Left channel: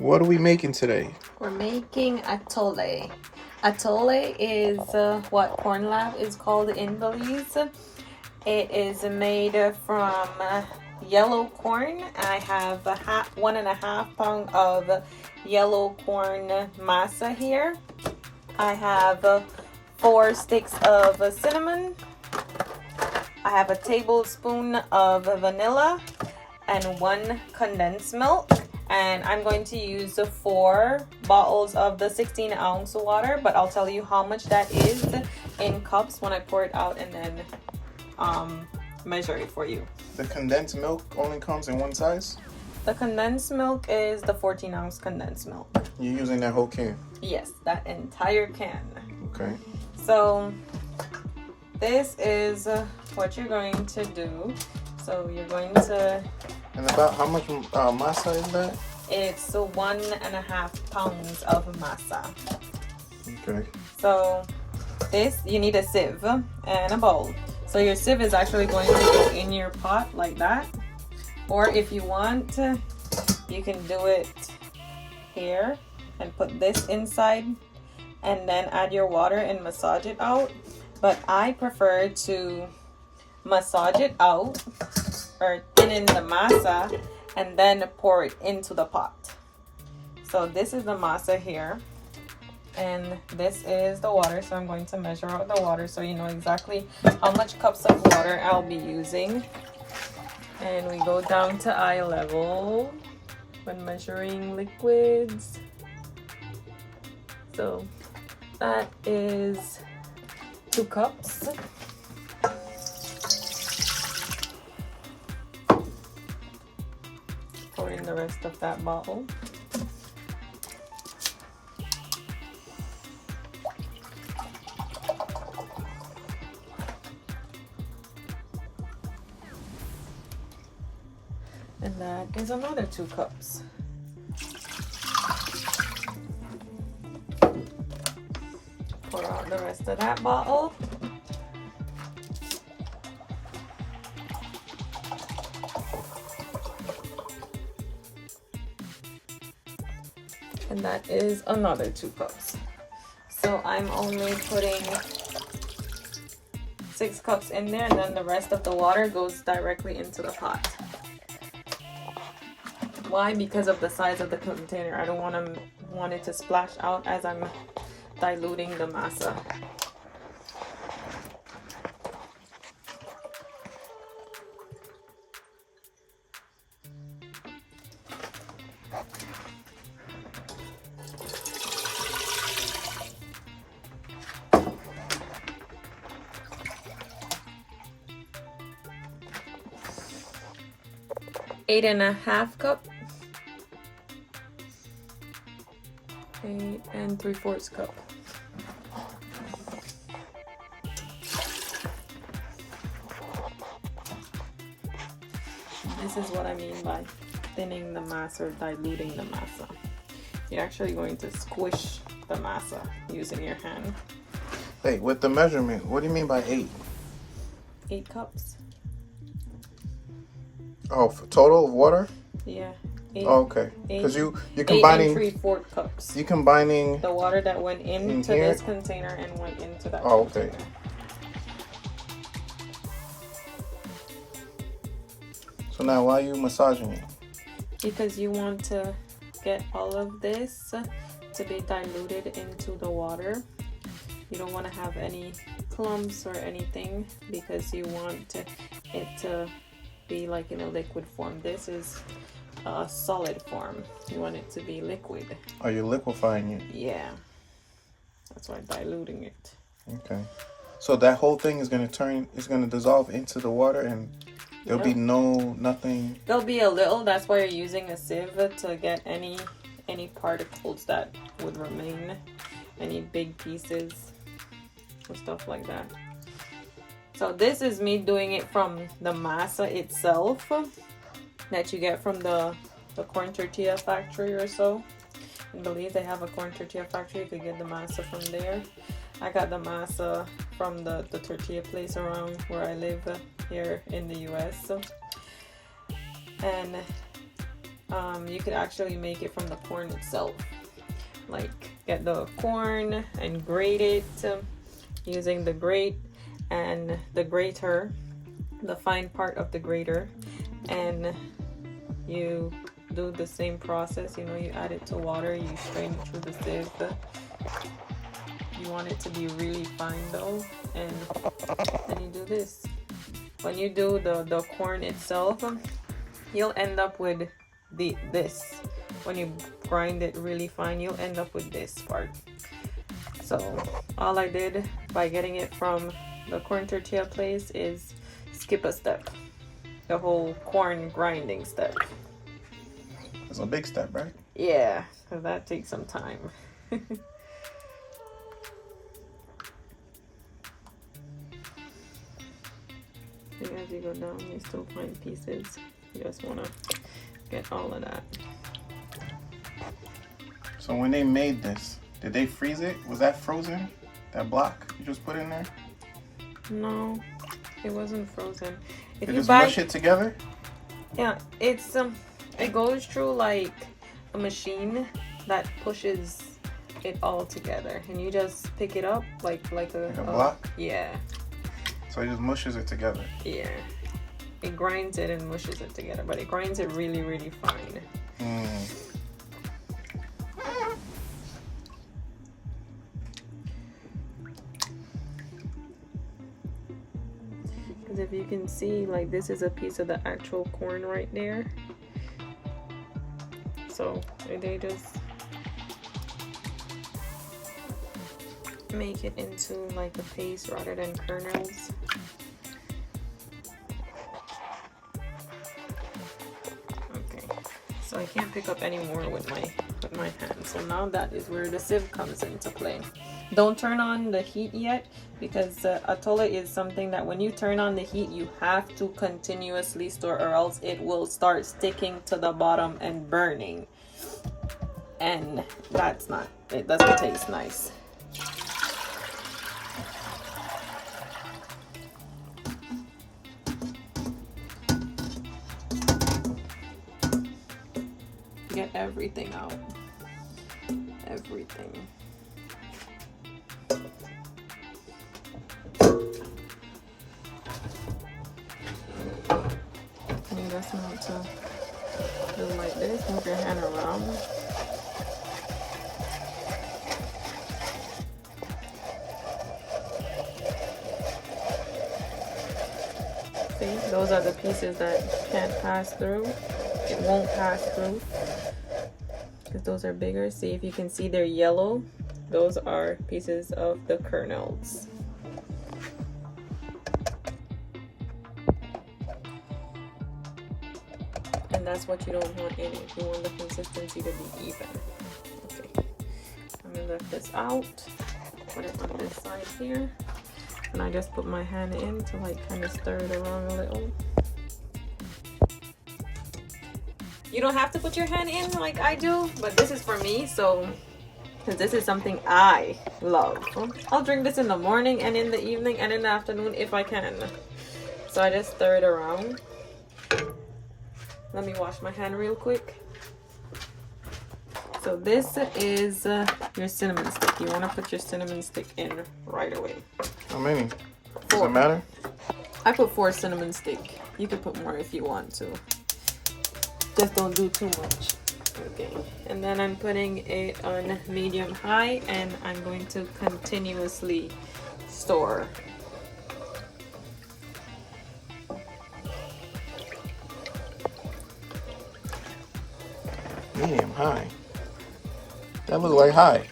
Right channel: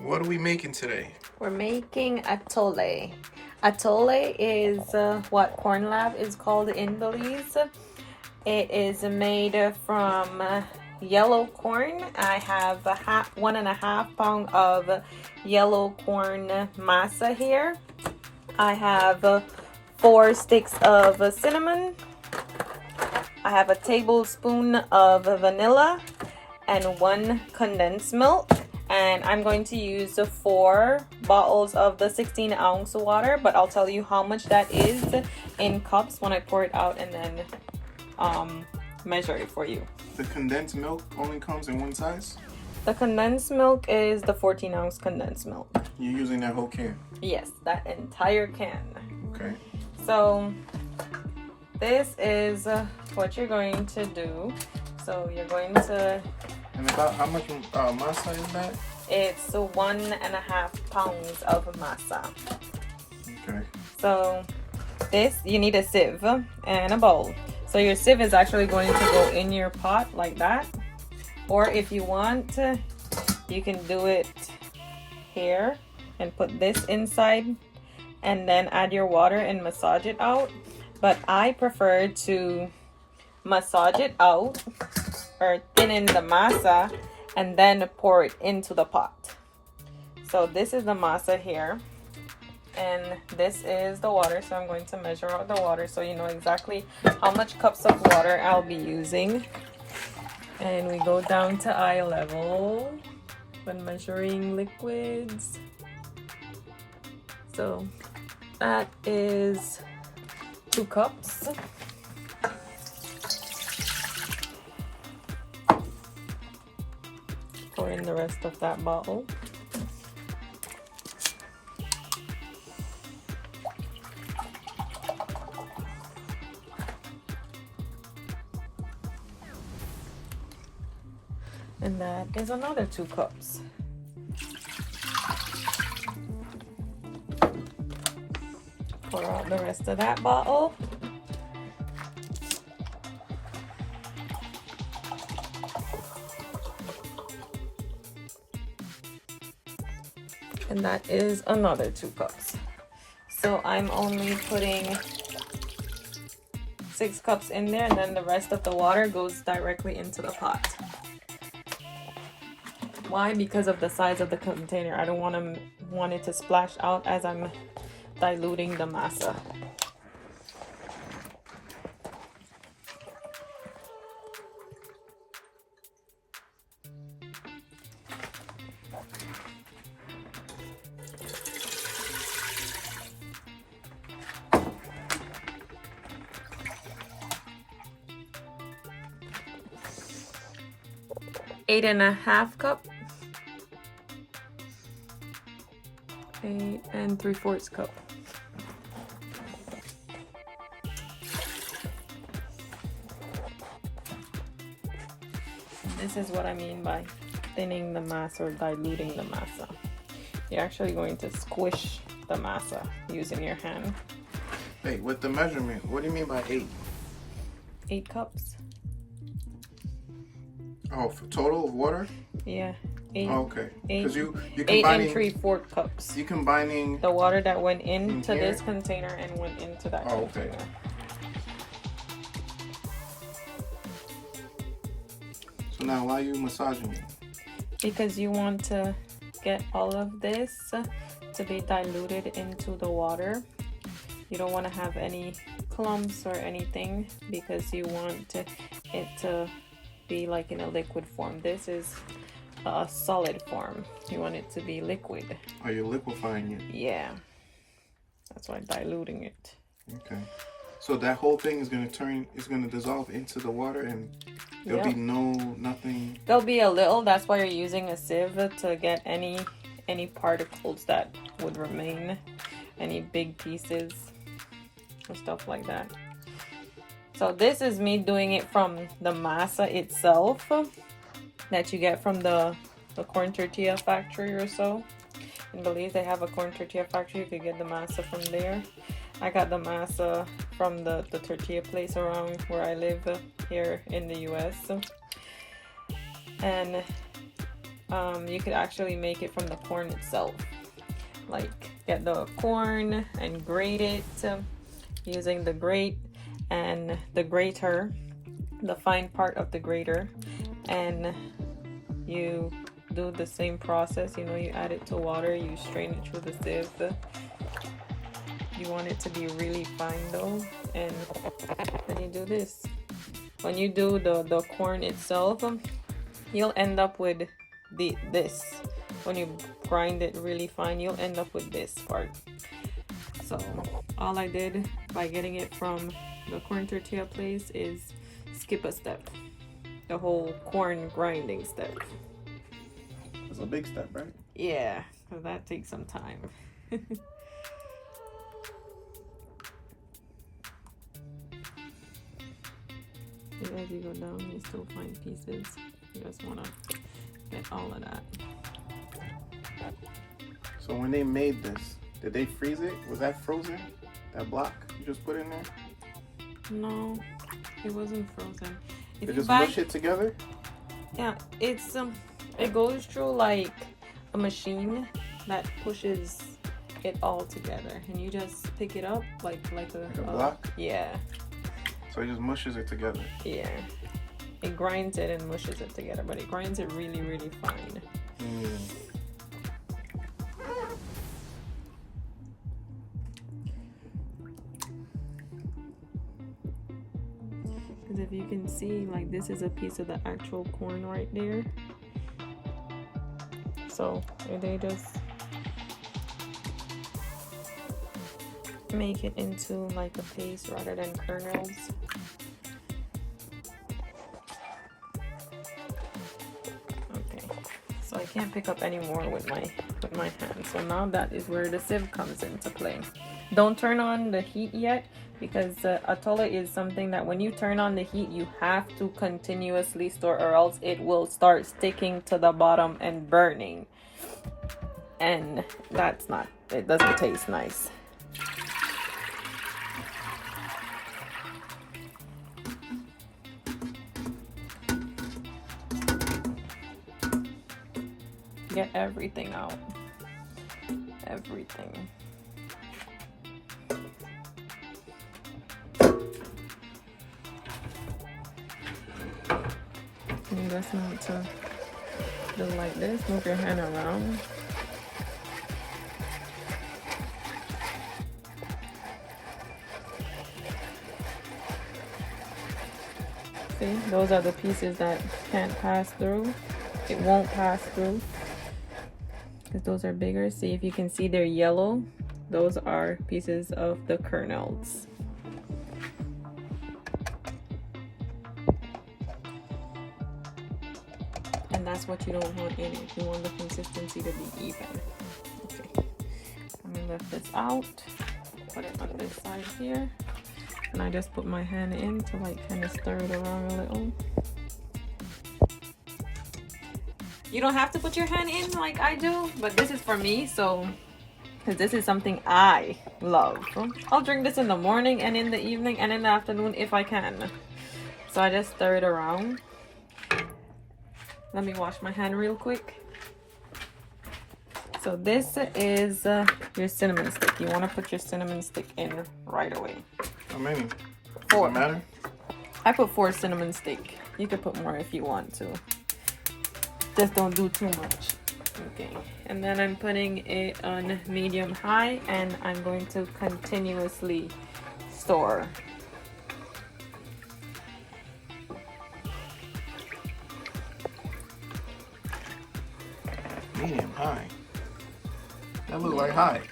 What are we making today? We're making atole. Atole is what Corn Lab is called in Belize. It is made from yellow corn. I have 1.5 pounds of yellow corn masa here. I have 4 sticks of cinnamon. I have a tablespoon of vanilla and 1 condensed milk. And I'm going to use 4 bottles of the 16-ounce water, but I'll tell you how much that is in cups when I pour it out and then measure it for you. The condensed milk only comes in one size? The condensed milk is the 14-ounce condensed milk. You're using that whole can? Yes, that entire can. Okay. So this is what you're going to do. So you're going to... And about how much masa is that? It's 1.5 pounds of masa. Okay. So this, you need a sieve and a bowl. So your sieve is actually going to go in your pot like that. Or if you want, you can do it here and put this inside and then add your water and massage it out. But I prefer to massage it out or thin in the masa and then pour it into the pot. So this is the masa here and this is the water. So I'm going to measure out the water so you know exactly how much cups of water I'll be using. And we go down to eye level when measuring liquids. So that is 2 cups. Pour in the rest of that bottle. And that is another 2 cups. Pour out the rest of that bottle. And that is another 2 cups. So I'm only putting 6 cups in there, and then the rest of the water goes directly into the pot. Why? Because of the size of the container. I don't want it to splash out as I'm diluting the masa. Eight and a half cup. 8 3/4 cup. This is what I mean by thinning the masa or diluting the masa. You're actually going to squish the masa using your hand. Hey, with the measurement, what do you mean by 8? 8 cups. Oh, for total of water? Yeah. 8, oh, okay. Because you're 8 combining 3/4 cups. You're combining the water that went into here? this container and went into that. Oh, okay. Container. So now, why are you massaging it? Because you want to get all of this to be diluted into the water. You don't want to have any clumps or anything because you want it to be like in a liquid form. This is a solid form. You want it to be liquid. Are you liquefying it? Yeah. That's why diluting it. Okay. So that whole thing is going to dissolve into the water and there'll be nothing. There'll be a little, that's why you're using a sieve to get any particles that would remain, any big pieces and stuff like that. So this is me doing it from the masa itself that you get from the corn tortilla factory or so. In Belize, they have a corn tortilla factory. You could get the masa from there. I got the masa from the tortilla place around where I live here in the US. And you could actually make it from the corn itself. Like get the corn and grate it using the grate and the grater, the fine part of the grater, and you do the same process. You know, you add it to water, you strain it through the sieve. You want it to be really fine though, and then you do this. When you do the corn itself, you'll end up with this. When you grind it really fine, you'll end up with this part. So all I did by getting it from the corn tortilla place is skip a step, the whole corn grinding step. It's a big step, right? Yeah, because that takes some time. And as you go down, you still find pieces. You just want to get all of that. So when they made this, did they freeze it? Was that frozen? That block you just put in there? No, it wasn't frozen. If They you just buy, mush it together? yeah, it's it goes through like a machine that pushes it all together, and you just pick it up like a block? Yeah. So it just mushes it together. Yeah. It grinds it and mushes it together, but it grinds it really, really fine. Because if you can see, like, this is a piece of the actual corn right there. So they just make it into like a paste rather than kernels. Okay, so I can't pick up any more with my hand. So now that is where the sieve comes into play. Don't turn on the heat yet, because Atole is something that when you turn on the heat, you have to continuously stir, or else it will start sticking to the bottom and burning. And that's not, it doesn't taste nice. Get everything out. Everything. And that's not to do like this. Move your hand around. See, those are the pieces that can't pass through. It won't pass through because those are bigger. See, if you can see they're yellow, those are pieces of the kernels. And that's what you don't want in it. You want the consistency to be even. Okay, I'm gonna lift this out, put it on this side here, and I just put my hand in to like kind of stir it around a little. You don't have to put your hand in like I do, but this is for me, so because this is something I love. I'll drink this in the morning and in the evening and in the afternoon if I can. So I just stir it around. Let me wash my hand real quick. So this is your cinnamon stick. You want to put your cinnamon stick in right away. How many? Does it matter? I put 4 cinnamon stick. You could put more if you want to. Just don't do too much. Okay, and then I'm putting it on medium high, and I'm going to continuously stir. Medium high. That look like high.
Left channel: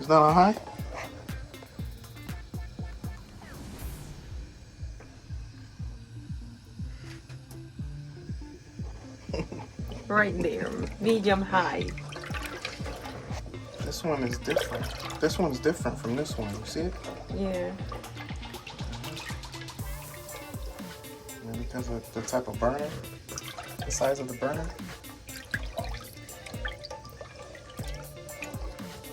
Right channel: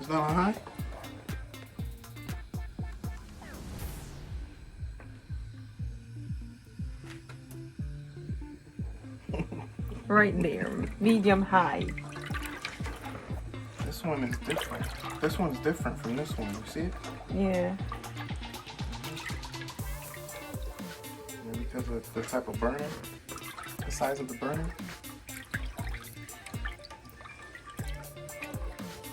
Is that on high? Right there, medium high. This one is different. This one's different from this one. You see it? Yeah. Maybe because of the type of burner, the size of the burner.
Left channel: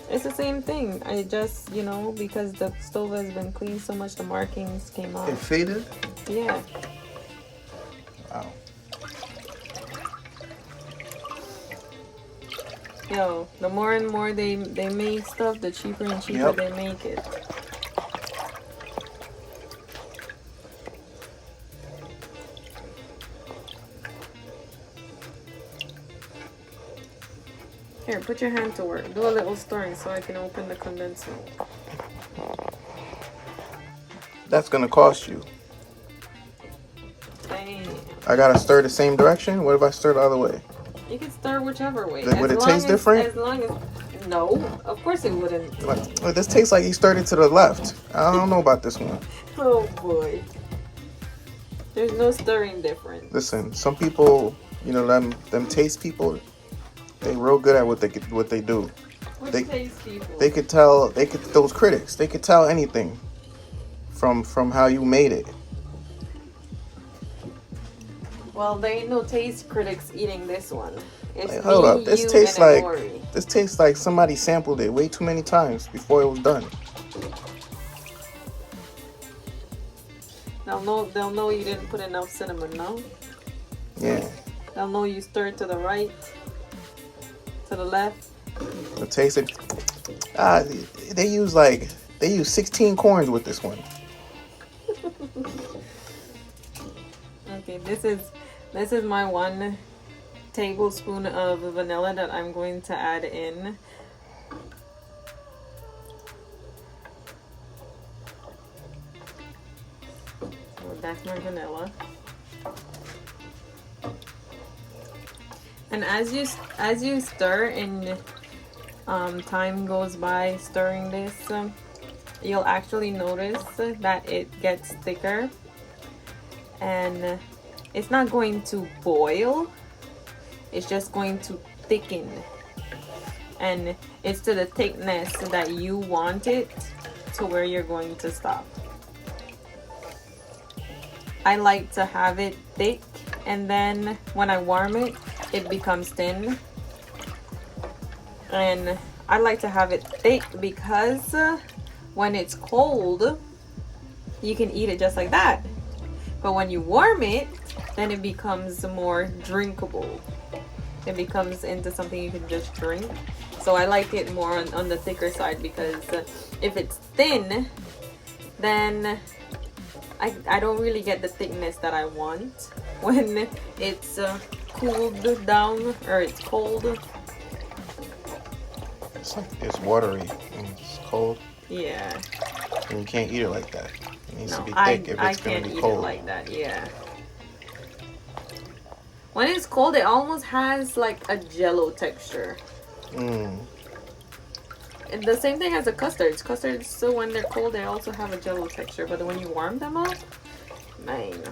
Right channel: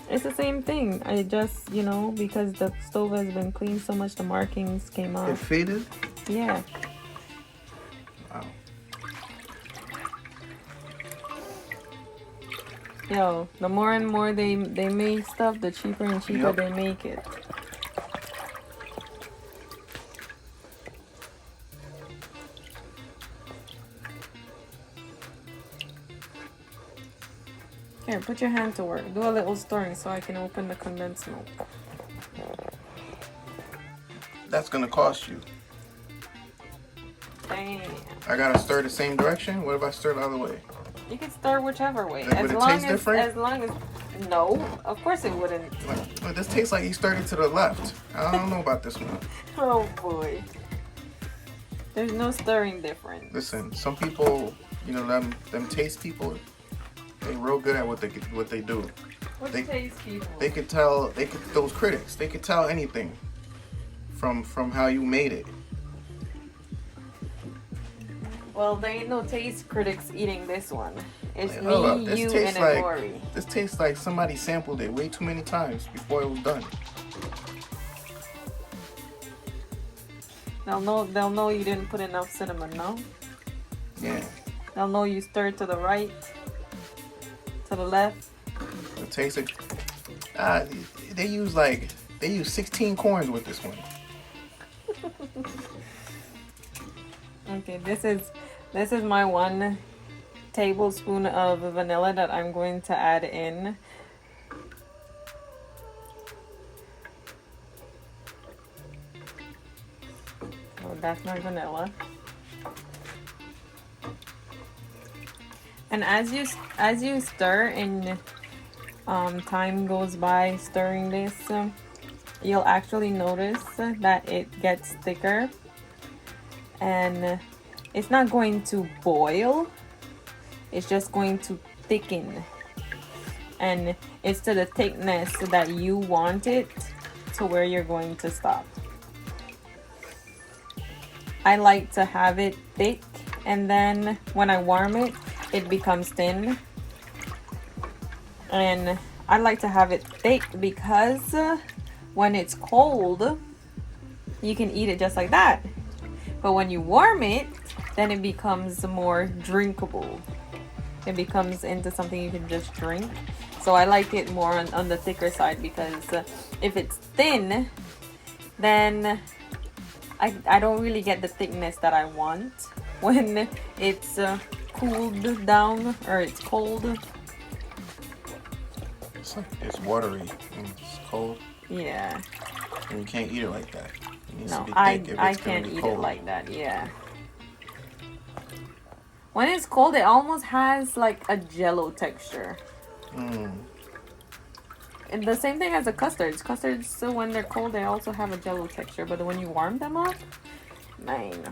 It's the same thing. I just, you know, because the stove has been cleaned so much, the markings came out. It faded? Yeah. Wow. Yo, the more and more they make stuff, the cheaper and cheaper Yep. they make it. Here, put your hand to work. Do a little stirring so I can open the condensed milk. That's gonna cost you. Damn. I gotta stir the same direction. What if I stir the other way? You can stir whichever way. Would it taste different? As long as no, of course it wouldn't. Well, this tastes like you stirred it to the left. I don't know about this one. Oh boy. There's no stirring difference. Listen, some people, you know, them taste people, they real good at what they do. Which They- taste people? Those critics, they could tell anything from how you made it. Well, there ain't no taste critics eating this one. It's Like, me, hold up, this you, tastes and like Rory. this tastes like somebody sampled it way too many times before it was done. They'll know you didn't put enough cinnamon, no? Yeah, They'll know you stirred to the right, to the left. the taste of, they use 16 corns with this one. Okay, this is my 1 tablespoon of vanilla that I'm going to add in. So that's my vanilla. And as you stir and time goes by stirring this, you'll actually notice that it gets thicker. And it's not going to boil, it's just going to thicken, and it's to the thickness that you want it to where you're going to stop. I like to have it thick, and then when I warm it, it becomes thin. And I like to have it thick because when it's cold, you can eat it just like that. But when you warm it, then it becomes more drinkable. It becomes into something you can just drink. So I like it more on the thicker side, because if it's thin, then I don't really get the thickness that I want when it's cooled down or it's cold. It's watery and it's cold, Yeah. and you can't eat it like that. It needs to No, be I thick if it's gonna can't be eat cold. it like that. Yeah. When it's cold, it almost has like a jello texture. Mm. And the same thing as the custards. Custards, so when they're cold, they also have a jello texture. But when you warm them up, man,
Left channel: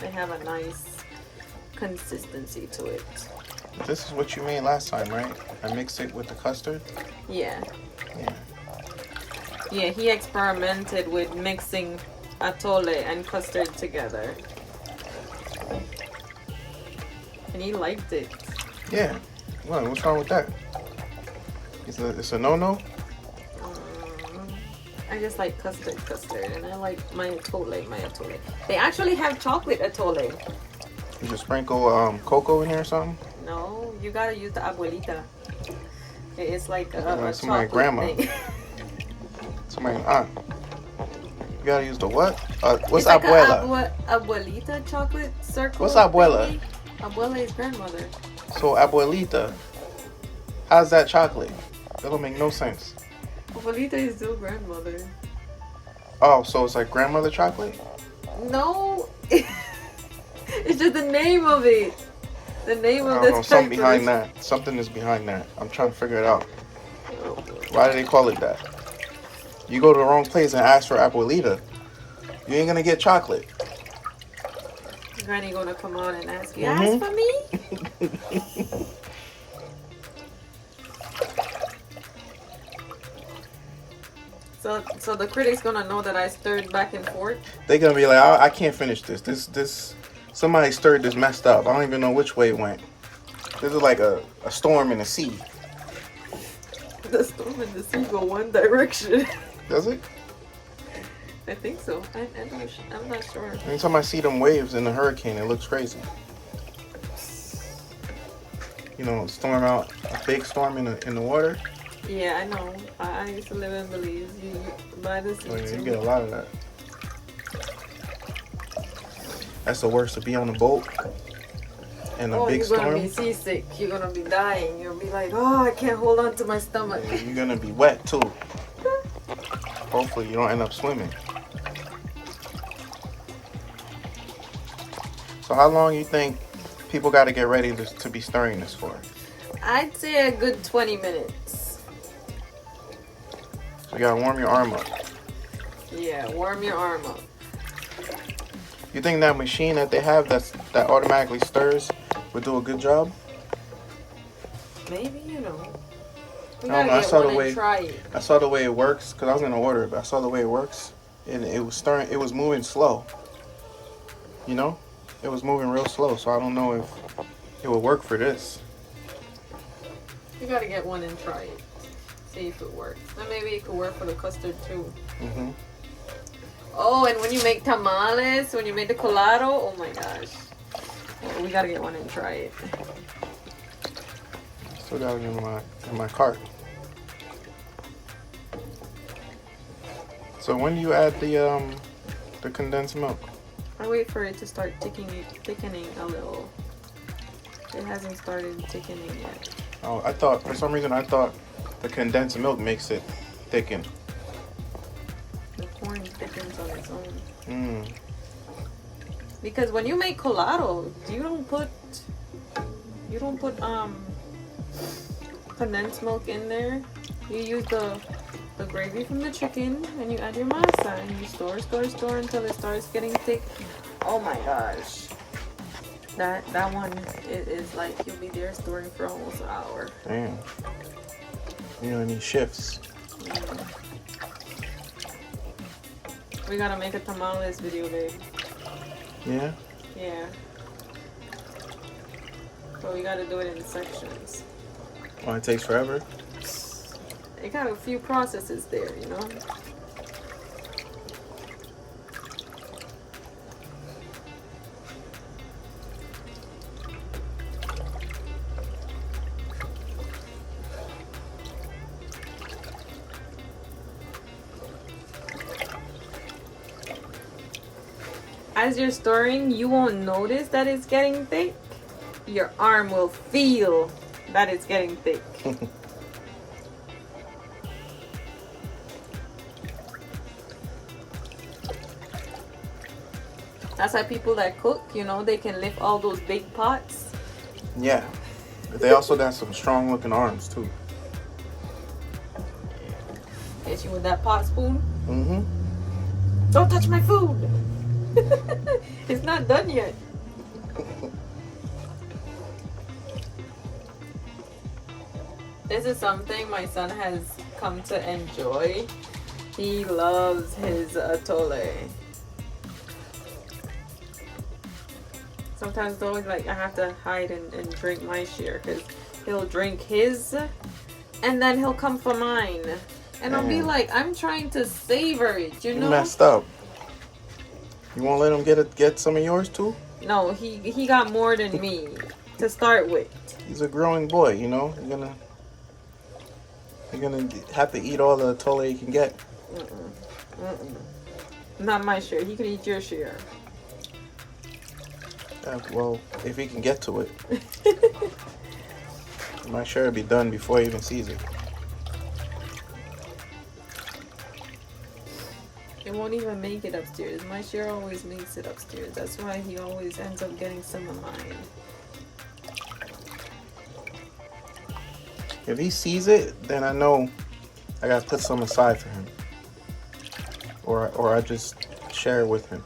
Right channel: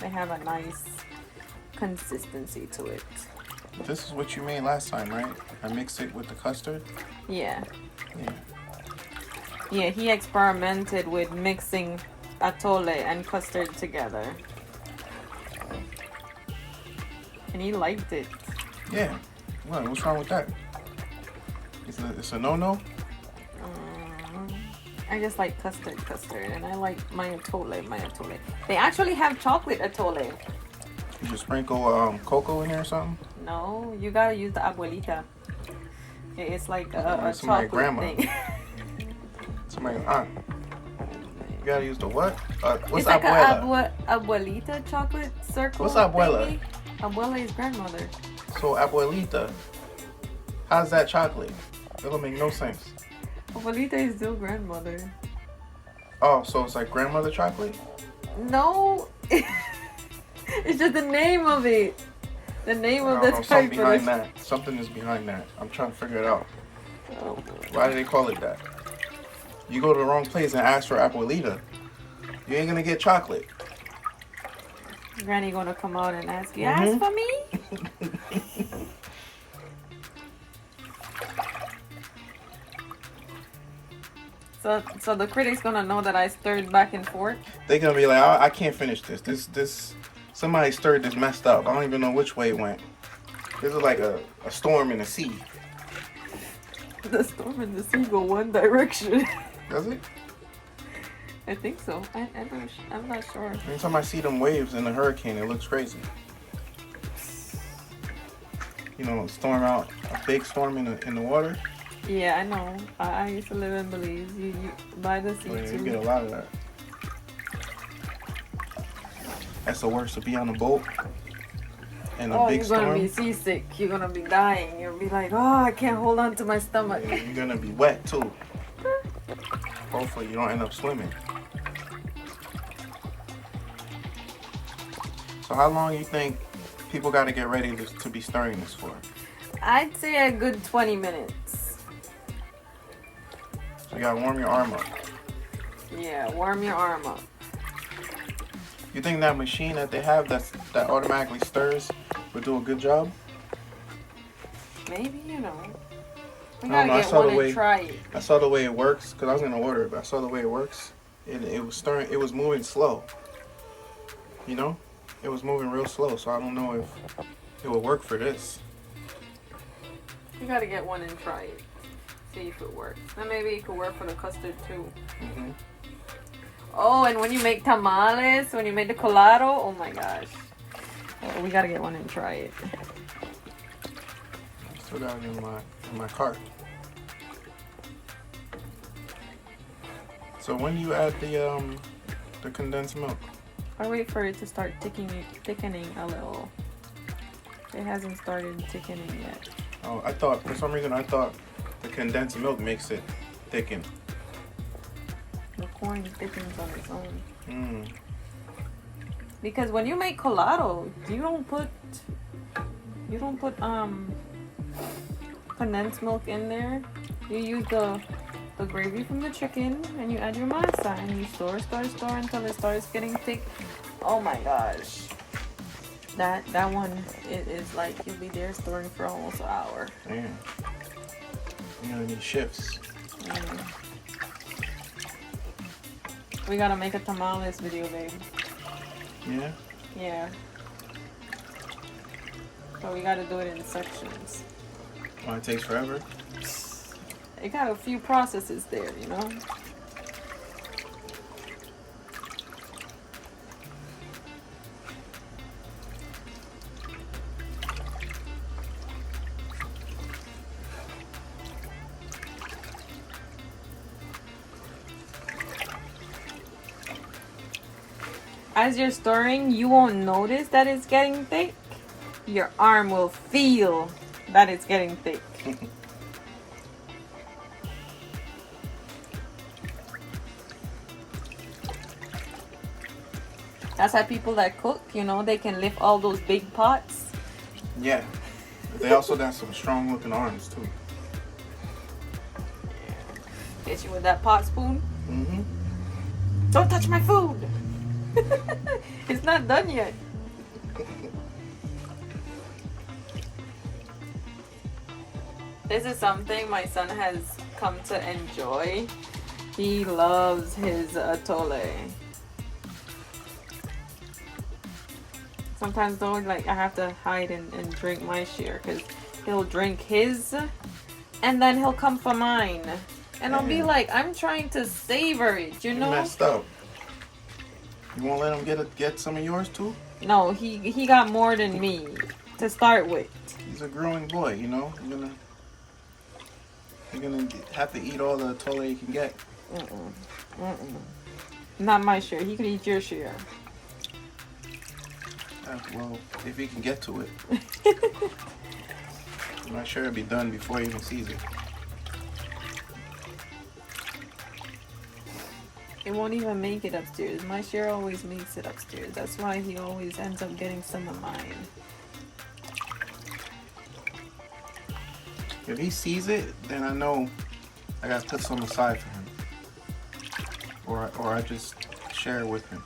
they have a nice consistency to it. This is what you made last time, right? I mixed it with the custard. Yeah. Yeah. Yeah, he experimented with mixing atole and custard together. And he liked it. Yeah. Well, what's wrong with that? It's a no-no? I just like custard, and I like my atole. They actually have chocolate atole. You just sprinkle cocoa in there or something? No, you gotta use the abuelita. It's like a Like somebody chocolate grandma. thing. Somebody aunt. You gotta use the what? What's It's like abuela? abuelita chocolate circle. What's abuela? thingy. Abuela is grandmother. So abuelita. How's that chocolate? That don't make no sense. Abuelita is still grandmother. Oh, so it's like grandmother chocolate? No, it's just the name of it. The name I of don't the know. Something behind character. that. Something is behind that. I'm trying to figure it out. Oh, boy. Why do they call it that? You go to the wrong place and ask for abuelita, you ain't gonna get chocolate. Granny gonna come out and ask you, Mhm. ask for me? So the critic's gonna know that I stirred back and forth. They gonna be like, I can't finish this. This somebody stirred this messed up. I don't even know which way it went. This is like a storm in the sea. The storm and the sea go one direction. Does it? I think so. I'm not sure. Anytime I see them waves in the hurricane, it looks crazy. You know, storm out, a big storm in the water. Yeah, I know. I used to live in Belize. You buy this Oh, yeah, you too. get a lot of that. That's the worst, to be on a boat and a big you're gonna storm. be seasick. You're gonna be dying. You'll be like, oh, I can't hold on to my stomach. Yeah, you're gonna be wet too. Hopefully you don't end up swimming. So how long you think people got to get ready to be stirring this for? I'd say a good 20 minutes. So you gotta warm your arm up. Yeah, warm your arm up. You think that machine that they have that automatically stirs would do a good job? Maybe, you know. We I don't gotta know, I get saw one the way- and try it. I saw the way it works because I was gonna order it, but I saw the way it works, and it was stirring. It was moving slow. You know, it was moving real slow. So I don't know if it would work for this. We gotta get one and try it. See if it works. And maybe it could work for the custard too. Mhm. Oh, and when you make tamales, when you make the colado, oh my gosh. Oh, we gotta get one and try it. Still got it in my cart. So when do you add the condensed milk? I wait for it to start thickening a little. It hasn't started thickening yet. Oh, for some reason I thought the condensed milk makes it thicken. The corn thickens on its own. Mm. Because when you make colado, you don't put condensed milk in there. You use the gravy from the chicken and you add your masa and you store until it starts getting thick. Oh my gosh. That one it is like you'll be there storing for almost an hour. Damn. You know, any shifts. Mm. We gotta make a tamales video, babe. Yeah. Yeah. But we gotta do it in sections. Oh, it takes forever. It got a few processes there, you know? As you're stirring, you won't notice that it's getting thick. Your arm will feel that it's getting thick. That's how people that cook, you know, they can lift all those big pots. Yeah. But they also got some strong looking arms too. Hit you with that pot spoon. Mm-hmm. Don't touch my food. It's not done yet. This is something my son has come to enjoy. He loves his atole. Sometimes though, like I have to hide and drink my share because he'll drink his and then he'll come for mine. And I'll be Damn. like, I'm trying to savor it, you You know? messed up. You won't let him get some of yours too? No, he got more than me to start with. He's a growing boy, you know. You're gonna have to eat all the atole you can get. Not my share. He could eat your share. Well, if he can get to it. My share will be done before he even sees it. It won't even make it upstairs. My share always makes it upstairs. That's why he always ends up getting some of mine. If he sees it, then I know I gotta put some aside for him. Or I just share it with him.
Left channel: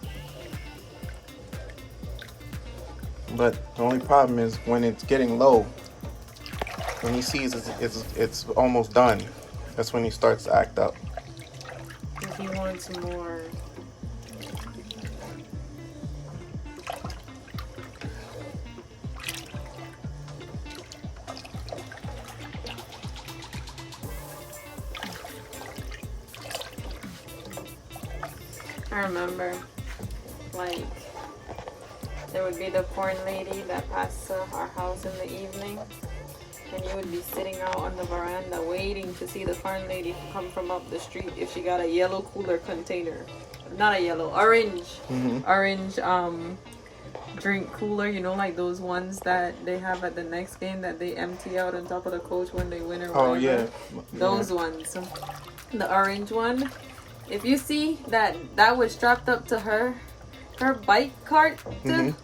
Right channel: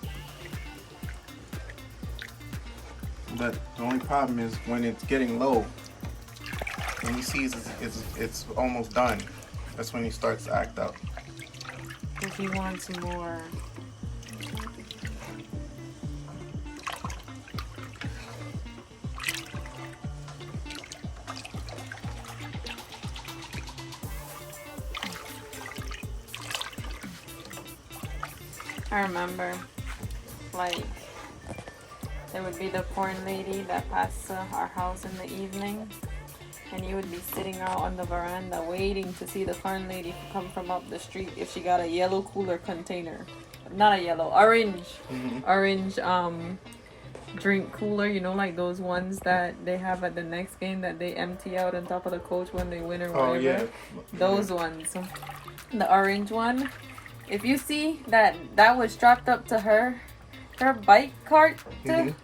But the only problem is when it's getting low, when he sees it's almost done, that's when he starts to act up. If he wants more. I remember, like, there would be the corn lady that passed our house in the evening, and you would be sitting out on the veranda waiting to see the corn lady come from up the street if she got a yellow cooler container. Not a yellow, orange. Orange drink cooler, you know, like those ones that they have at the next game that they empty out on top of the coach when they win or whatever. Oh, yeah. Those ones. The orange one. If you see that was strapped up to her bike cart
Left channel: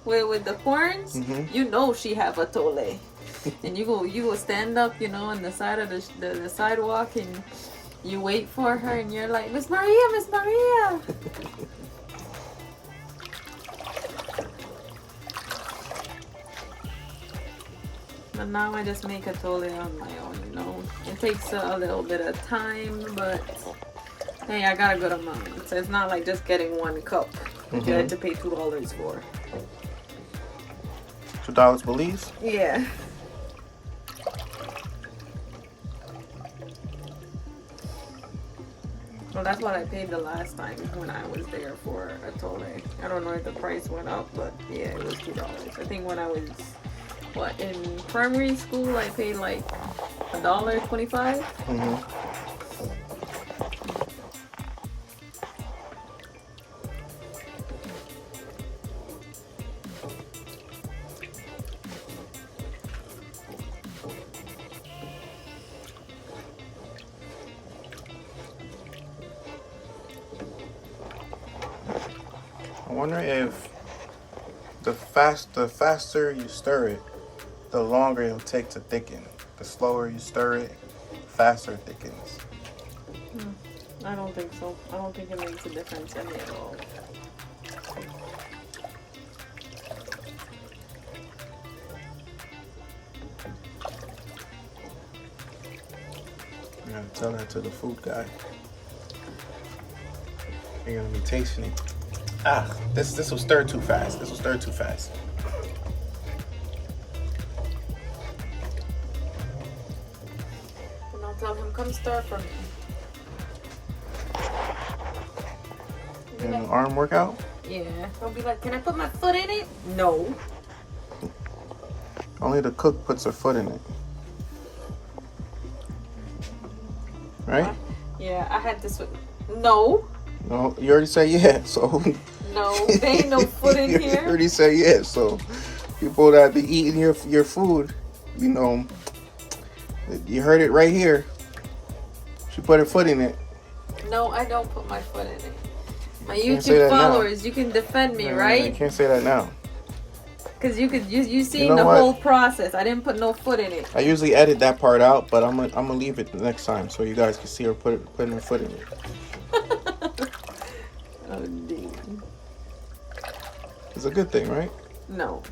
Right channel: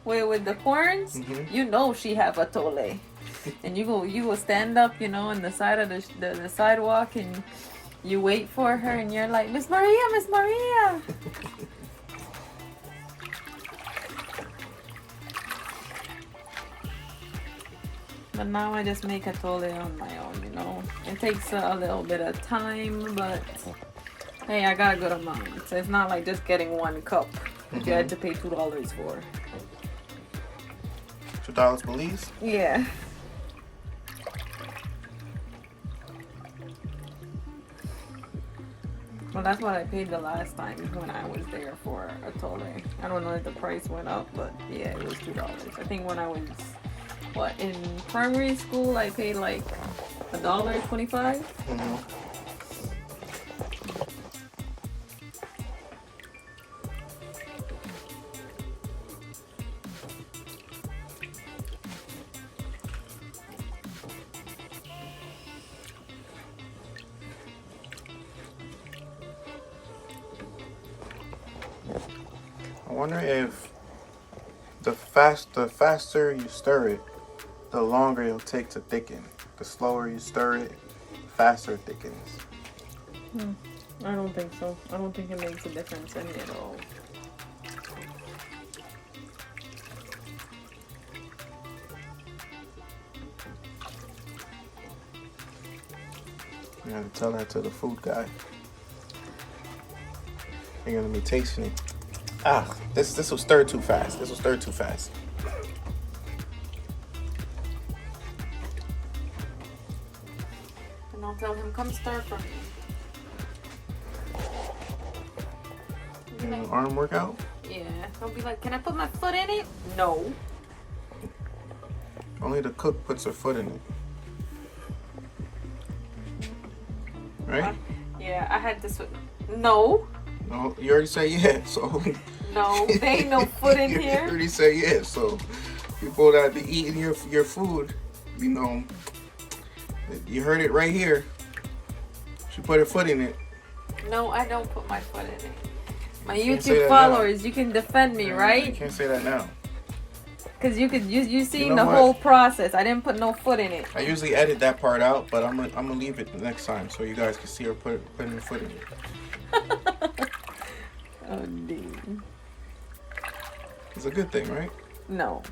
with the corns, you know she have Atole. And you go stand up, you know, on the side of the sidewalk, and you wait for her, and you're like, Miss Maria, Miss Maria. But now I just make Atole on my own, you know. It takes a little bit of time, but hey, I got a good amount. So it's not like just getting one cup. You had to pay $2 for. $2 Belize? Yeah. Well, that's what I paid the last time when I was there for Atole. I don't know if the price went up, but yeah, it was $2. I think when I was, in primary school, I paid like $1.25. I wonder if the faster you stir it, the longer it'll take to thicken. The slower you stir it, faster it thickens. I don't think so. I don't think it makes a difference any at all. You gotta tell that to the food guy. You're gonna be tasting it. This will stir too fast. This will stir too fast. And I'll tell him, come stir for me. And an arm workout? Yeah. He'll be like, can I put my foot in it? No. Only the cook puts her foot in it. Right? Yeah, I had this one. No. No, you already said yeah, so. No, there ain't no foot in You here. already said yeah, so people that be eating your food, you know, you heard it right here. She put her foot in it. No, I don't put my foot in it. My can't say YouTube that now. followers, you can defend me, You right? can't say that now. Because you seen You know the what? whole process. I didn't put no foot in it. I usually edit that part out, but I'm gonna leave it the next time so you guys can see her putting her foot in it. Oh, dude. It's a good thing, right? No.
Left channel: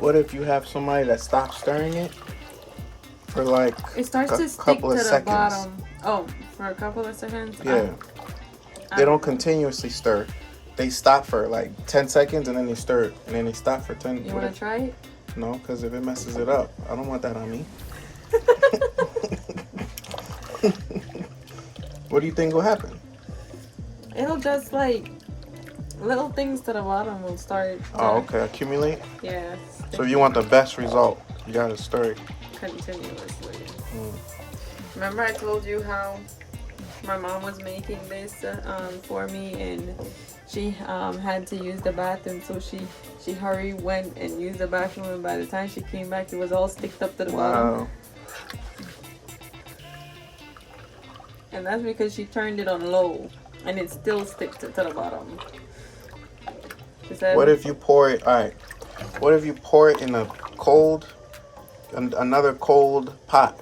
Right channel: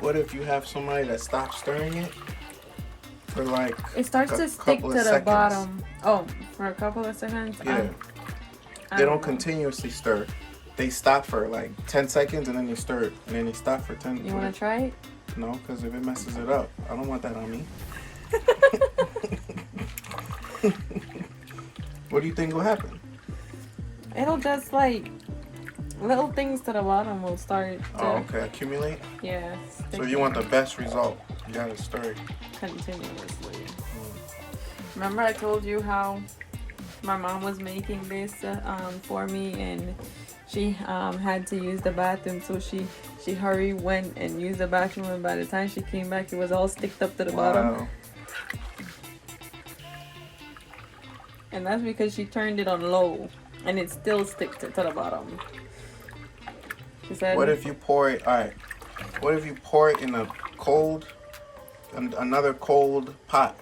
What if you have somebody that stops stirring it for like It starts to stick to the bottom. Oh, for a couple of seconds? Yeah. They don't continuously stir. They stop for like 10 seconds and then they stir it. And then they stop for 10. You want to try it? No, because if it messes it up, I don't want that on me. What do you think will happen? It'll just like little things to the bottom will start. Oh, okay. Accumulate? Yeah. So if you want the best result, you gotta stir it Continuously. Remember I told you how my mom was making this for me, and she had to use the bathroom, so she hurried, went and used the bathroom, and by the time she came back it was all sticked up to the bottom. And that's because she turned it on low and it still sticks to the bottom. She said, what if you pour it, alright, what if you pour it in a cold, another cold pot,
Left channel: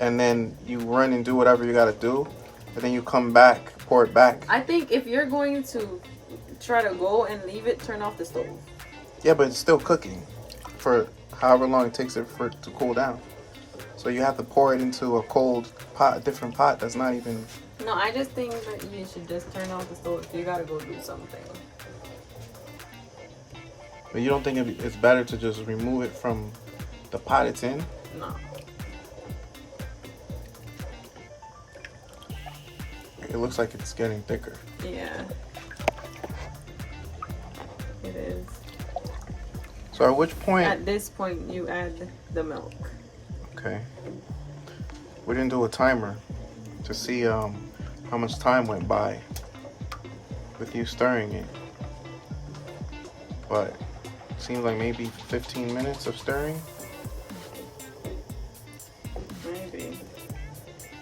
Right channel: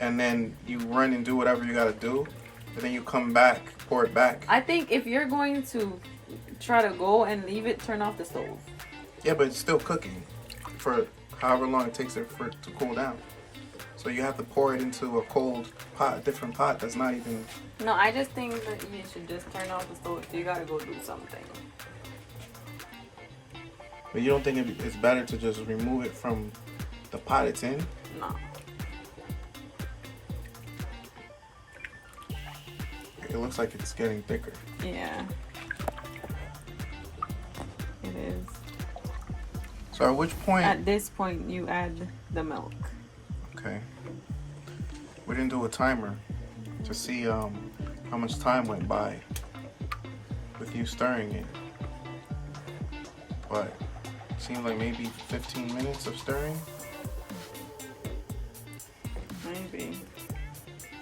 and then you run and do whatever you gotta do, and then you come back, pour it back? I think if you're going to try to go and leave it, turn off the stove. Yeah, but it's still cooking for however long it takes it for it to cool down. So you have to pour it into a cold pot, a different pot that's not even... No, I just think that you should just turn off the stove if you gotta go do something. But you don't think it's better to just remove it from the pot it's in? No. It looks like it's getting thicker. Yeah. It is. So at which point... At this point, you add the milk. Okay. We didn't do a timer to see how much time went by with you stirring it. But it seems like maybe 15 minutes of stirring. Maybe.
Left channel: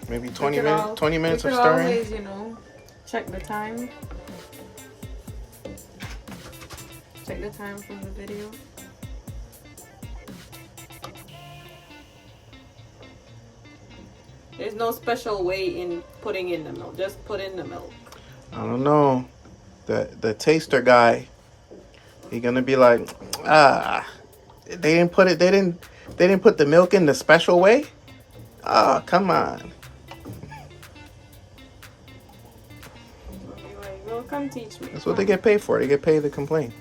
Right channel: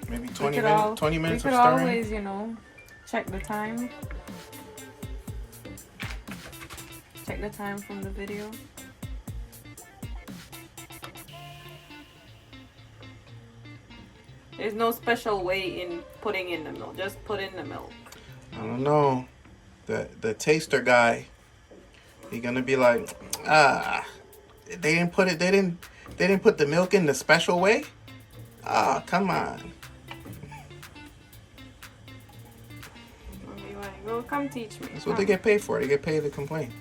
Maybe 20 minutes. 20 minutes of stirring. Always, you know, check the time. Check the time from the video. There's no special way in putting in the milk. Just put in the milk. I don't know. The taster guy, he gonna be like, they didn't put the milk in the special way. Ah, come on. I'll be like, well, come teach me. That's what they get paid for. They get paid to complain.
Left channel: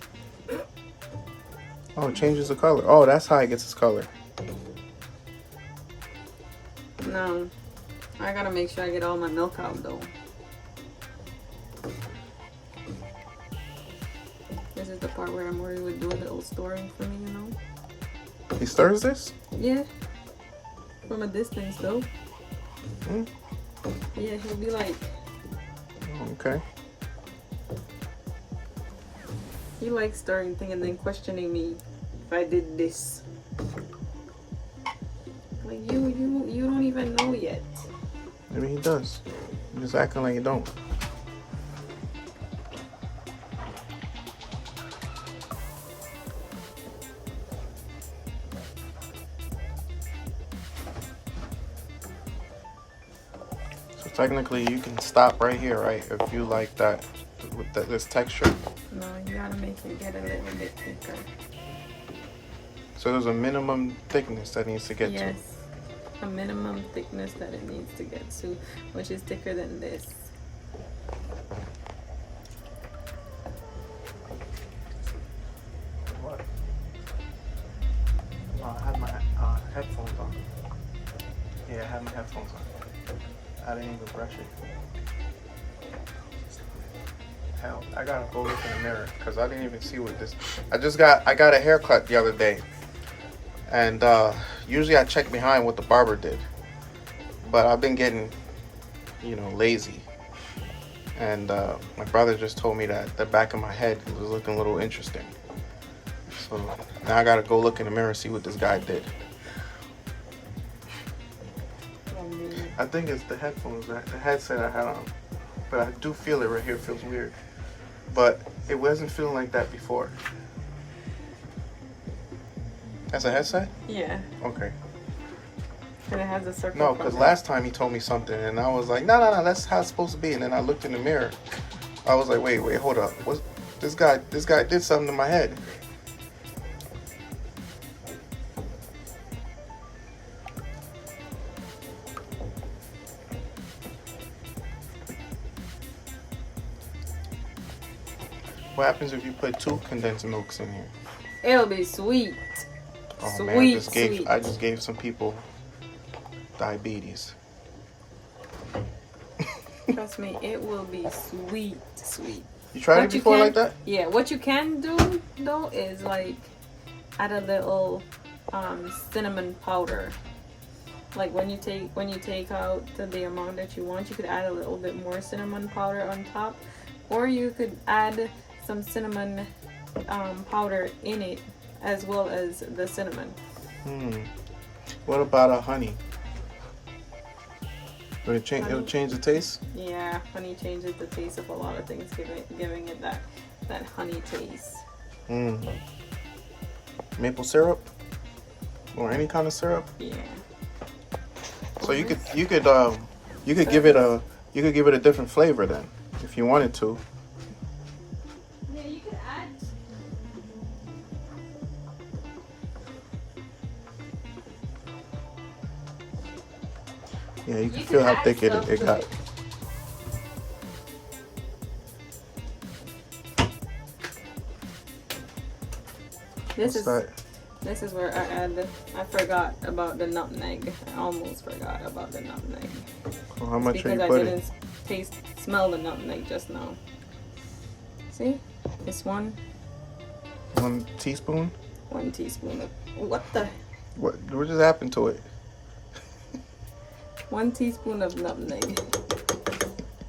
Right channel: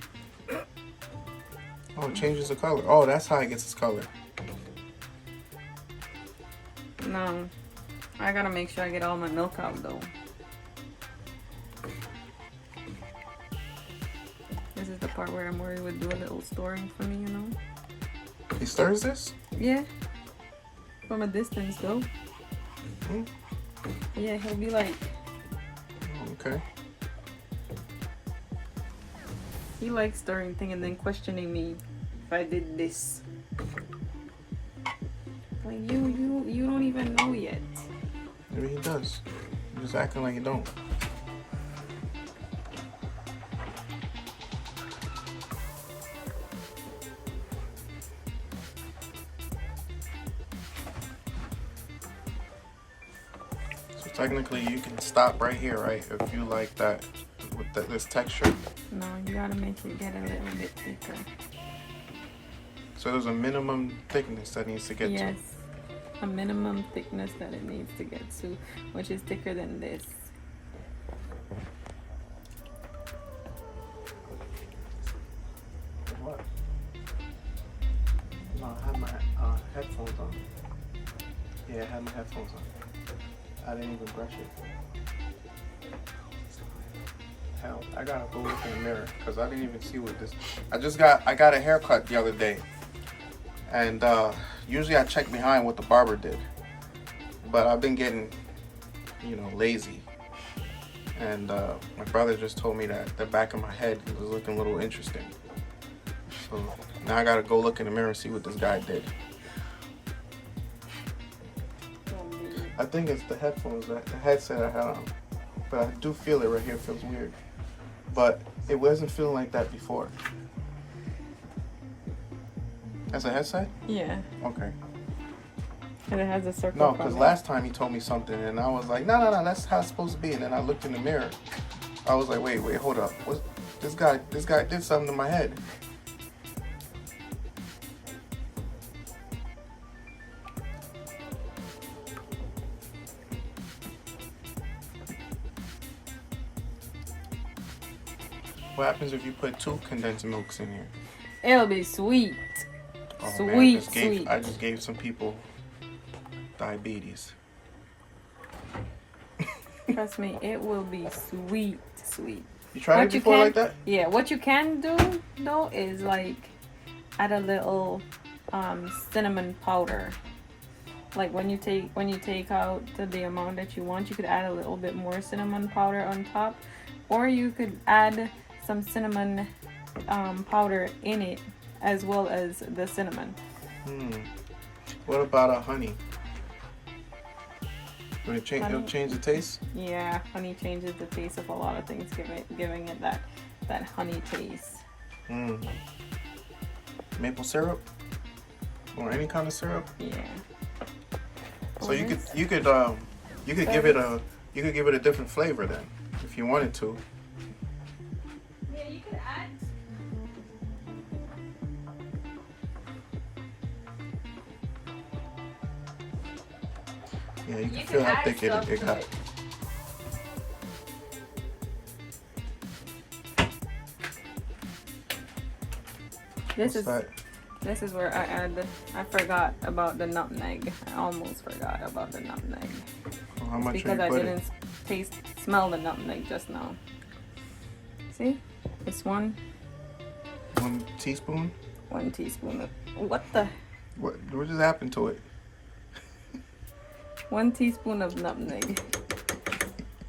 Oh, it changes the color. Oh, that's how it gets its color. No, I gotta make sure I get all my milk out though. This is the part where I'm worried with doing a little storing for me, you know? He stirs this? Yeah. From a distance though. Mm. Yeah, he'll be like, Okay. he likes stirring thing and then questioning me if I did this. Like you don't even know yet. Maybe he does. You're just acting like you don't. So technically you can stop right here, right? If you like that with this texture. No, you gotta make it get a little bit thicker. So there's a minimum thickness that needs to get to. Yes. A minimum thickness that it needs to get to, which is thicker than this. What? No, I had my headphones on. Yeah, I had my headphones on. I didn't even brush it. Hell, I gotta go look in the mirror because I didn't even see what this. I got a haircut the other day, and usually I check behind what the barber did, but I've been getting, lazy. And my brother just told me that the back of my head was looking a little interesting. So now I gotta go look in the mirror and see what this guy did. I think it's the headphones, the headset I had on. But I do feel it right here. It feels weird. But it wasn't feeling like that before. That's a headset? Yeah. Okay. And it has a circle. No, because last time he told me something and I was like, no, that's how it's supposed to be. And then I looked in the mirror. I was like, wait, hold up. This guy did something to my head. What happens if you put 2 condensed milks in here? It'll be sweet. Oh sweet, man, I just sweet. gave some people diabetes. Trust me, it will be sweet. You tried it before like that? Yeah, what you can do though is like add a little cinnamon powder. Like when you take out the amount that you want, you could add a little bit more cinnamon powder on top, or you could add some cinnamon powder in it as well as the cinnamon. What about honey? Will it change? It'll change the taste. Yeah, honey changes the taste of a lot of things, giving it that honey taste. Maple syrup or any kind of syrup. Yeah. So you could give it a different flavor then if you wanted to. Yeah, you could add. Yeah, you can feel how thick it got. This is where I forgot about the nutmeg. I almost forgot about the nutmeg. Well, how much are you because putting? I didn't smell the nutmeg just now. See? It's one 1 teaspoon? 1 teaspoon of What just happened to it? 1 teaspoon of nutmeg.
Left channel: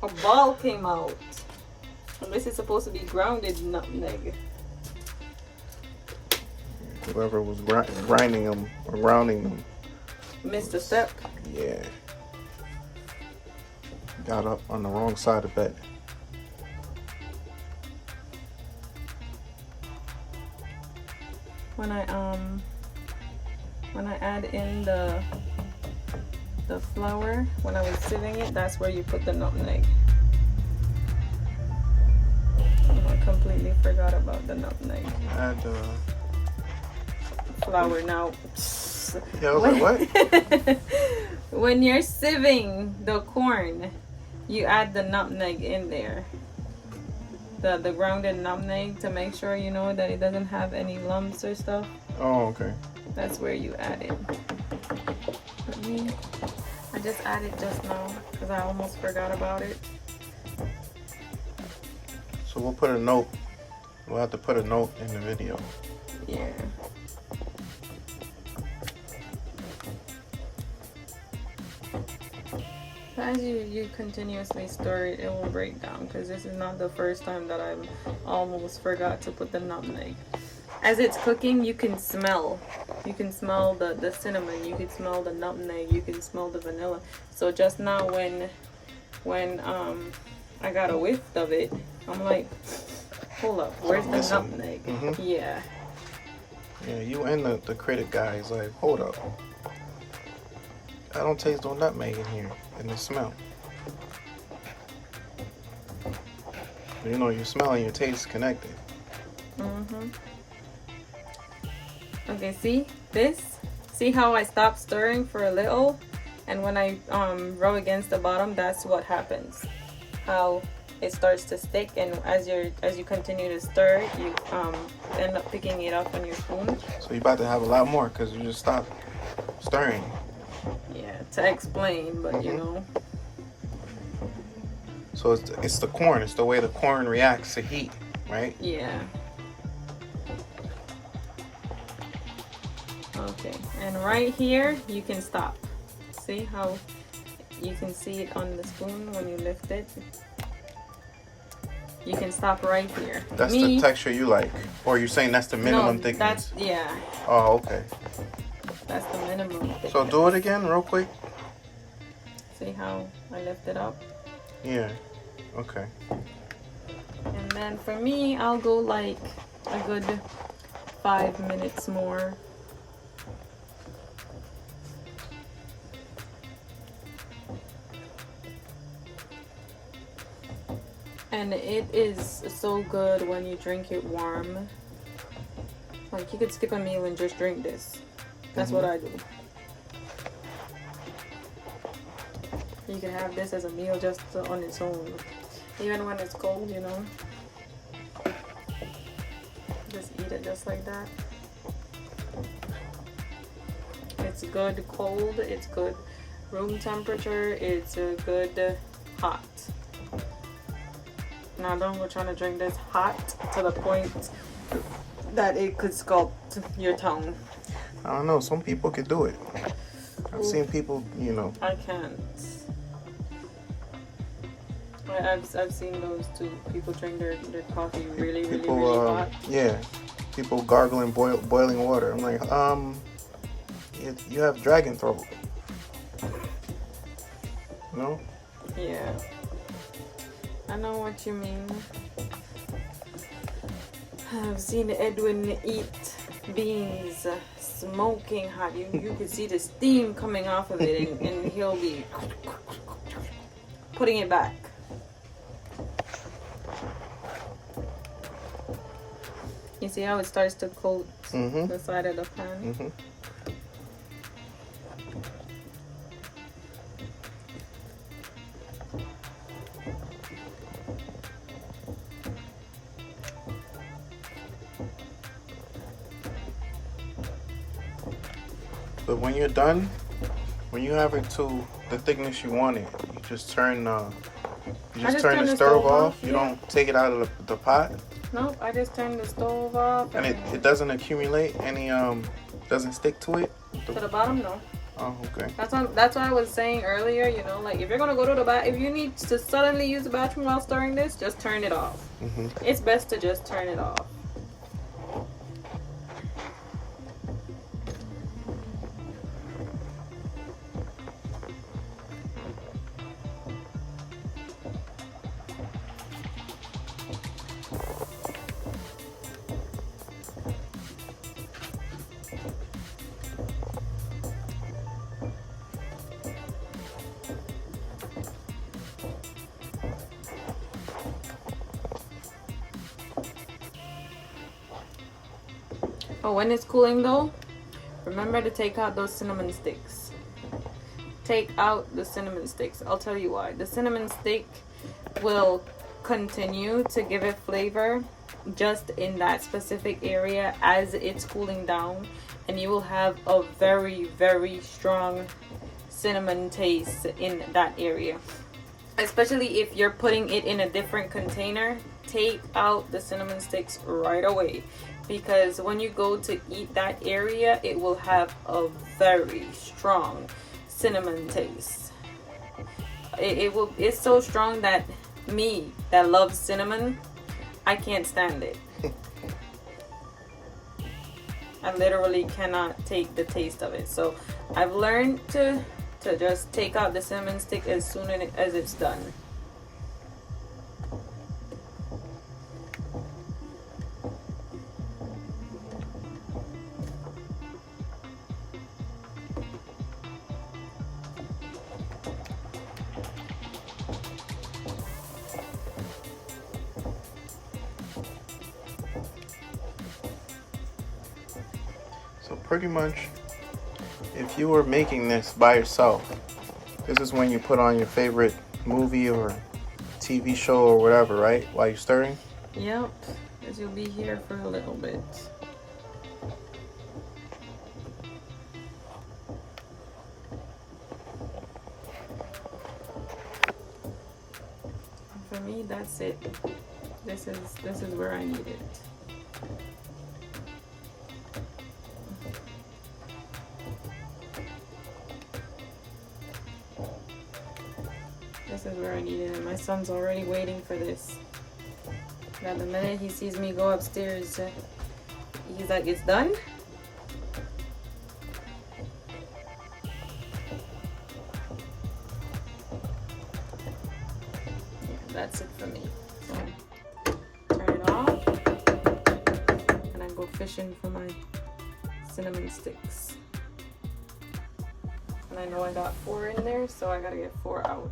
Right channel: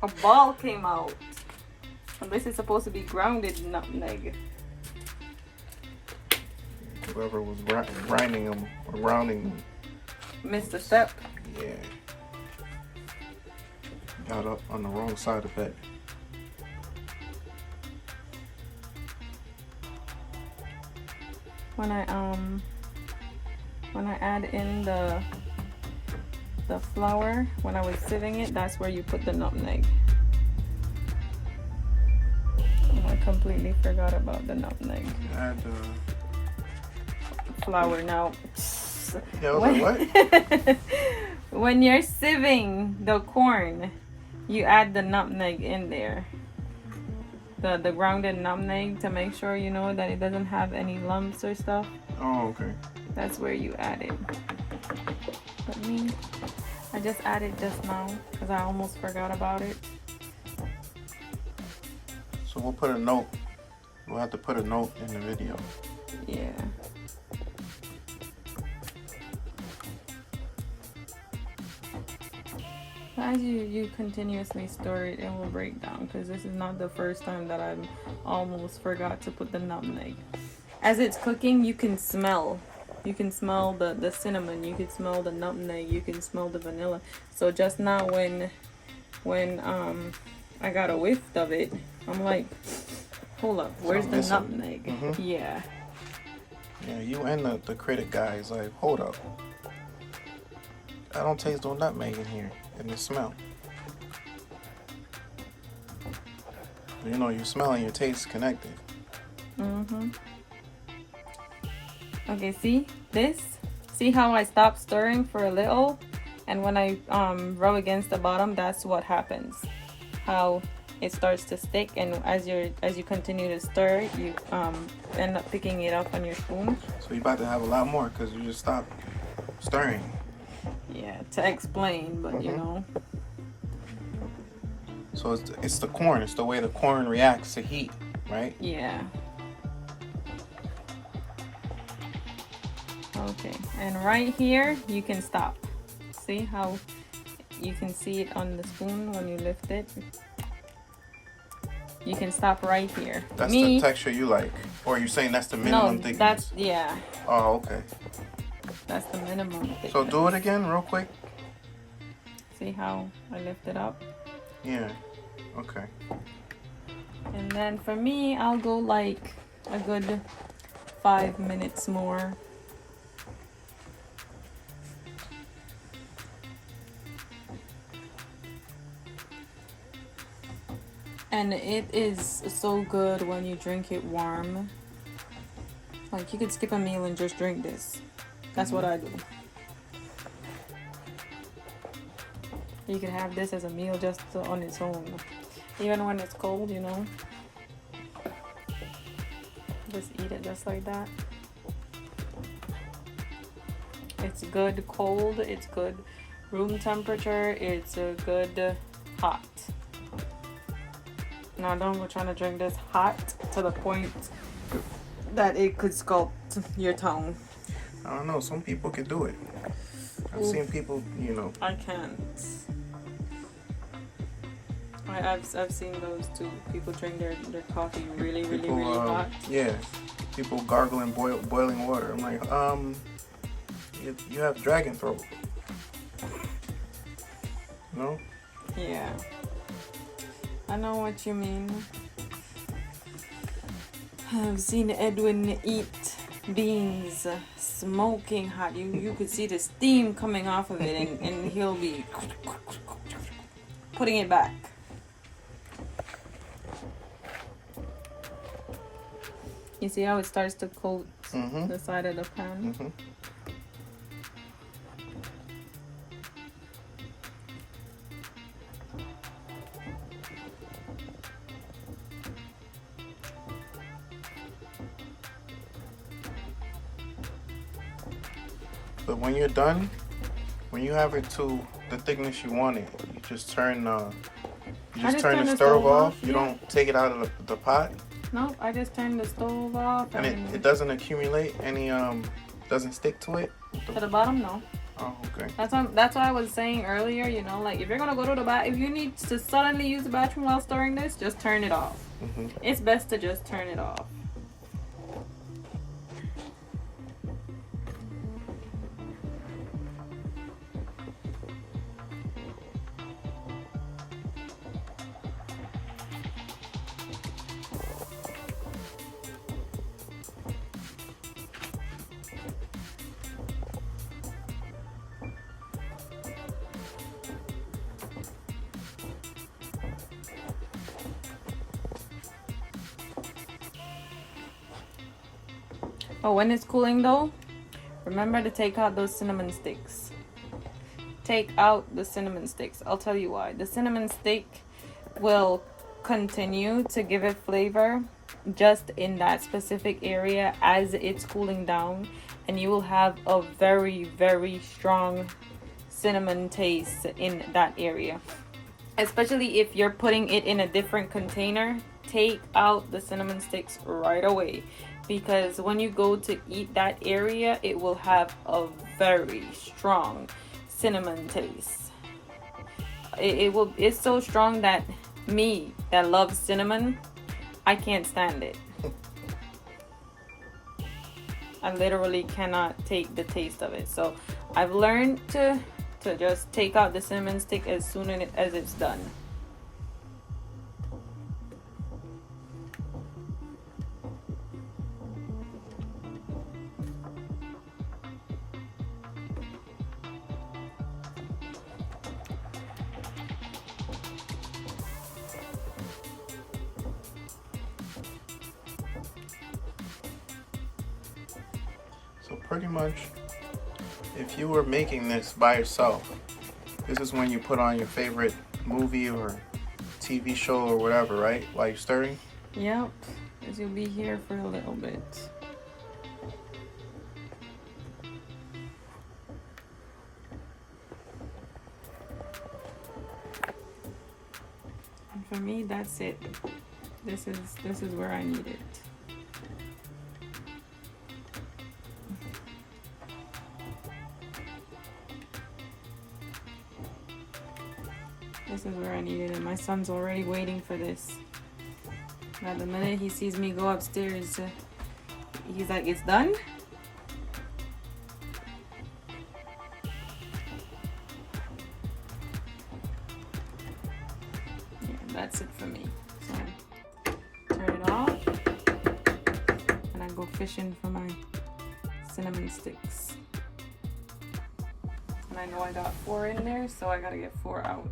A ball came out. And this is supposed to be grounded nutmeg. Whoever was grinding them or grounding them. Missed a step. Yeah. Got up on the wrong side of it. When I add in the flour, when I was sieving it, that's where you put the nutmeg. I completely forgot about the nutmeg. Add flour now. Yeah, I was like, what? When you're sieving the corn, you add the nutmeg in there. The grounded nutmeg to make sure you know that it doesn't have any lumps or stuff. Oh, okay. That's where you add it. But me, I just added just now because I almost forgot about it. So we'll put a note. We'll have to put a note in the video. Yeah. As you continuously stir it, it will break down because this is not the first time that I've almost forgot to put the nutmeg. As it's cooking, you can smell. You can smell the cinnamon. You can smell the nutmeg. You can smell the vanilla. So just now when I got a whiff of it, I'm like, hold up, where's the nutmeg? Mm-hmm. Yeah. Yeah, you and the critic guy is like, hold up. I don't taste no nutmeg in here, in the smell. But you know, your smell and your taste connected. Mm-hmm. Okay, see this? See how I stop stirring for a little? And when I rub against the bottom, that's what happens. How it starts to stick, and as you continue to stir it, you end up picking it up on your spoon. So you're about to have a lot more because you just stopped stirring. Yeah, to explain, but you know. So it's the corn. It's the way the corn reacts to heat, right? Yeah. Okay, and right here you can stop. See how you can see it on the spoon when you lift it? You can stop right here. That's the texture you like? Or you're saying that's the minimum thickness? That's, yeah. Oh, okay. That's the minimum thickness. So do it again real quick. See how I lift it up? Yeah. Okay. And then for me, I'll go like a good 5 minutes more. And it is so good when you drink it warm. Like, you could skip a meal and just drink this. That's what I do. You can have this as a meal just on its own. Even when it's cold, you know. Just eat it just like that. It's good cold, it's good room temperature, it's good hot. Now don't trying to drink this hot to the point that it could sculpt your tongue. I don't know. Some people could do it. I've seen people, you know. I can't. I've seen those too. People drink their coffee really hot. Yeah. People gargling boiling water. I'm like, you have dragon throat. No? Yeah. I know what you mean. I've seen Edwin eat beans smoking hot. You could see the steam coming off of it, and he'll be putting it back. You see how it starts to coat the side of the pan? But when you're done, when you have it to the thickness you want it, you just turn the stove off. You don't take it out of the pot. Nope, I just turn the stove off. And it doesn't accumulate any doesn't stick to it. To the bottom, no. Oh, okay. That's what I was saying earlier. You know, like if you're gonna go to the bath, if you need to suddenly use the bathroom while stirring this, just turn it off. It's best to just turn it off. Oh, when it's cooling though, remember to take out those cinnamon sticks. Take out the cinnamon sticks. I'll tell you why. The cinnamon stick will continue to give it flavor just in that specific area as it's cooling down, and you will have a very, very strong cinnamon taste in that area. Especially if you're putting it in a different container, take out the cinnamon sticks right away, because when you go to eat that area, it will have a very strong cinnamon taste. It's so strong that me that loves cinnamon, I can't stand it. I literally cannot take the taste of it. So I've learned to just take out the cinnamon stick as soon as it's done. So pretty much, if you were making this by yourself, this is when you put on your favorite movie or TV show or whatever, right? While you're stirring? Yep, because you'll be here for a little bit. And for me, that's it. This is where I need it. This is where I need it, and my son's already waiting for this. Now the minute he sees me go upstairs, he's like, "It's done?" Yeah, that's it for me. So turn it off, and I go fishing for my cinnamon sticks. And I know I got 4 in there, so I gotta get 4 out.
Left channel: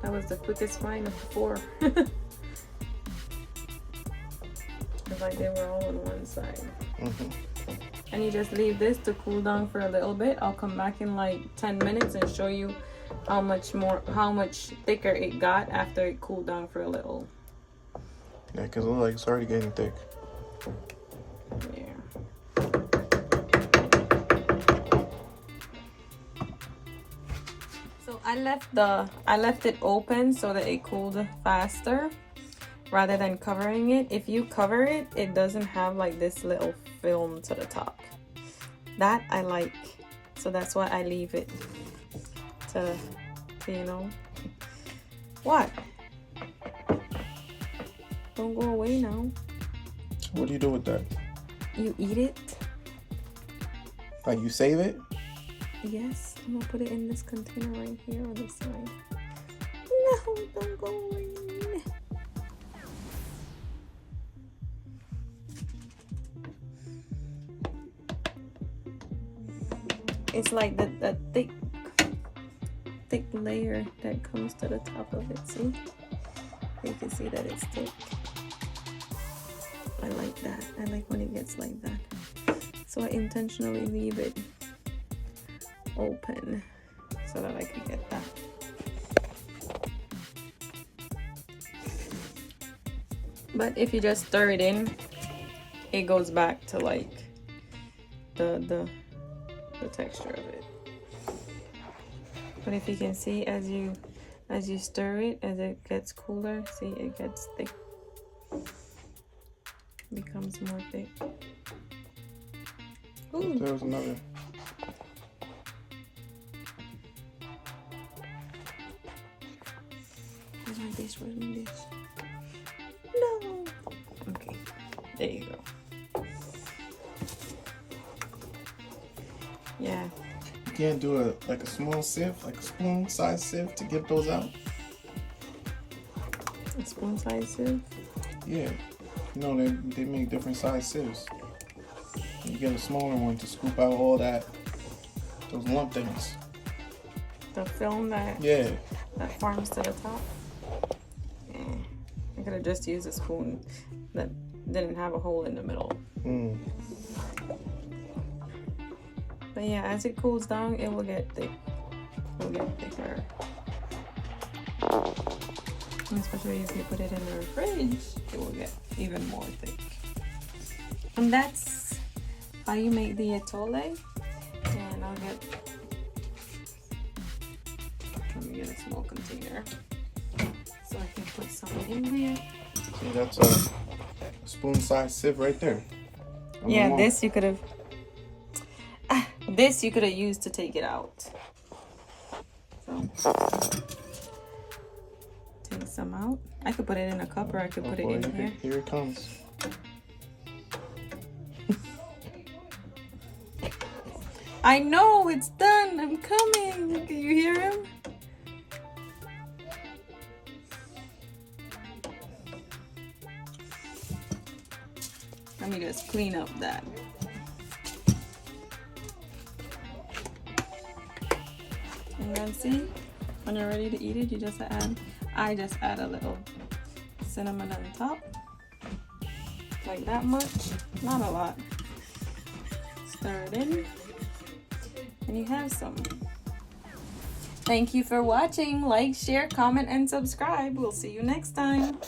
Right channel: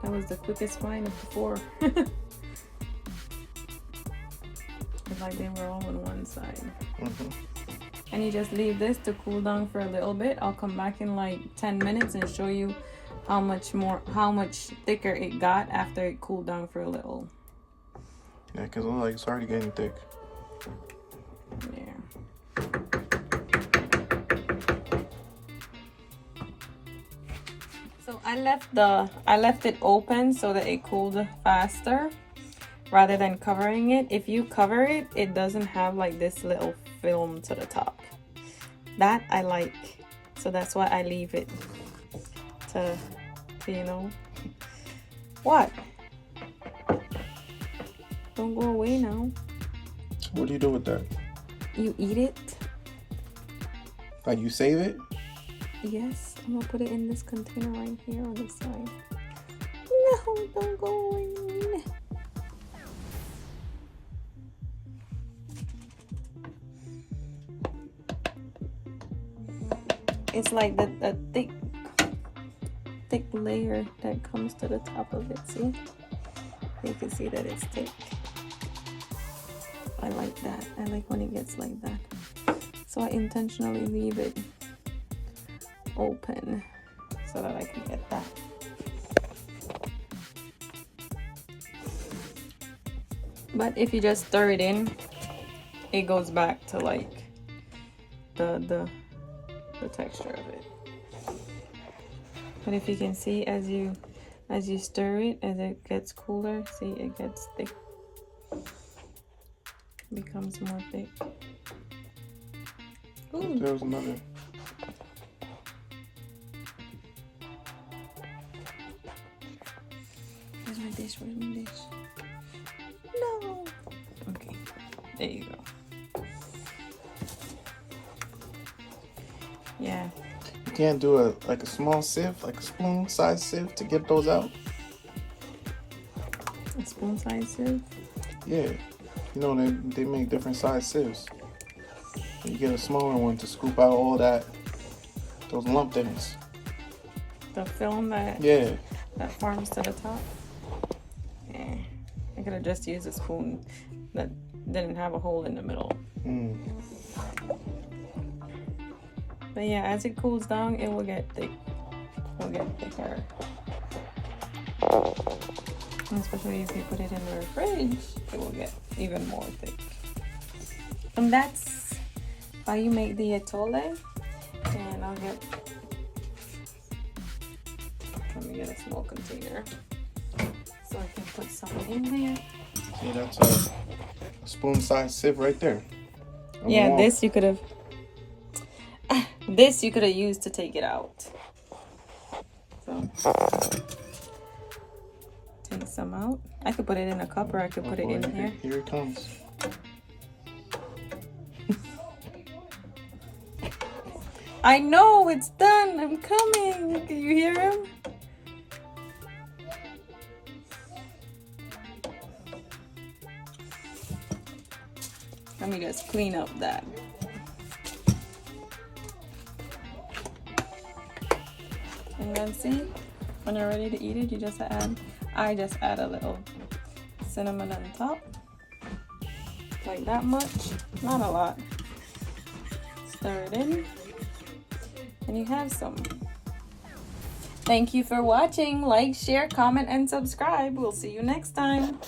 That was the quickest find of the 4. It's like they were all on one side. And you just leave this to cool down for a little bit. I'll come back in like 10 minutes and show you how much thicker it got after it cooled down for a little. Yeah, because it looks like it's already getting thick. Yeah. So I left it open so that it cooled faster rather than covering it. If you cover it, it doesn't have like this little film to the top. That I like. So that's why I leave it to you know. What? Don't go away now. What do you do with that? You eat it? Like you save it? Yes, I'm gonna put it in this container right here on this side. No, don't go away. It's like the thick layer that comes to the top of it. See? You can see that it's thick. I like that. I like when it gets like that. So I intentionally leave it open so that I can get that. But if you just stir it in, it goes back to like the texture of it. But if you can see, as you stir it, as it gets cooler, see, it gets thick. Becomes more thick. Ooh. There's another. Where's my dish? Where's my dish? No. Okay. There you go. Yeah. You can't do a small sieve, like a spoon size sieve to get those out? A spoon size sieve? Yeah. You know, they make different size sieves. You get a smaller one to scoop out all those lump things. The film that forms to the top. I could have just used a spoon that didn't have a hole in the middle. But yeah, as it cools down, it will get thick. It will get thicker. Especially if you put it in the fridge, it will get even more thick. And that's how you make the atole. And let me get a small container so I can put some in there. See, that's a spoon size sieve right there. Yeah, this you could have used to take it out. So take some out. I could put it in a cup, or I could put it in here. Here it comes. I know it's done. I'm coming. Can you hear him? Let me just clean up that. And then see, when you're ready to eat it, you just I just add a little cinnamon on top. Like that much, not a lot. Stir it in, and you have some. Thank you for watching. Like, share, comment, and subscribe. We'll see you next time.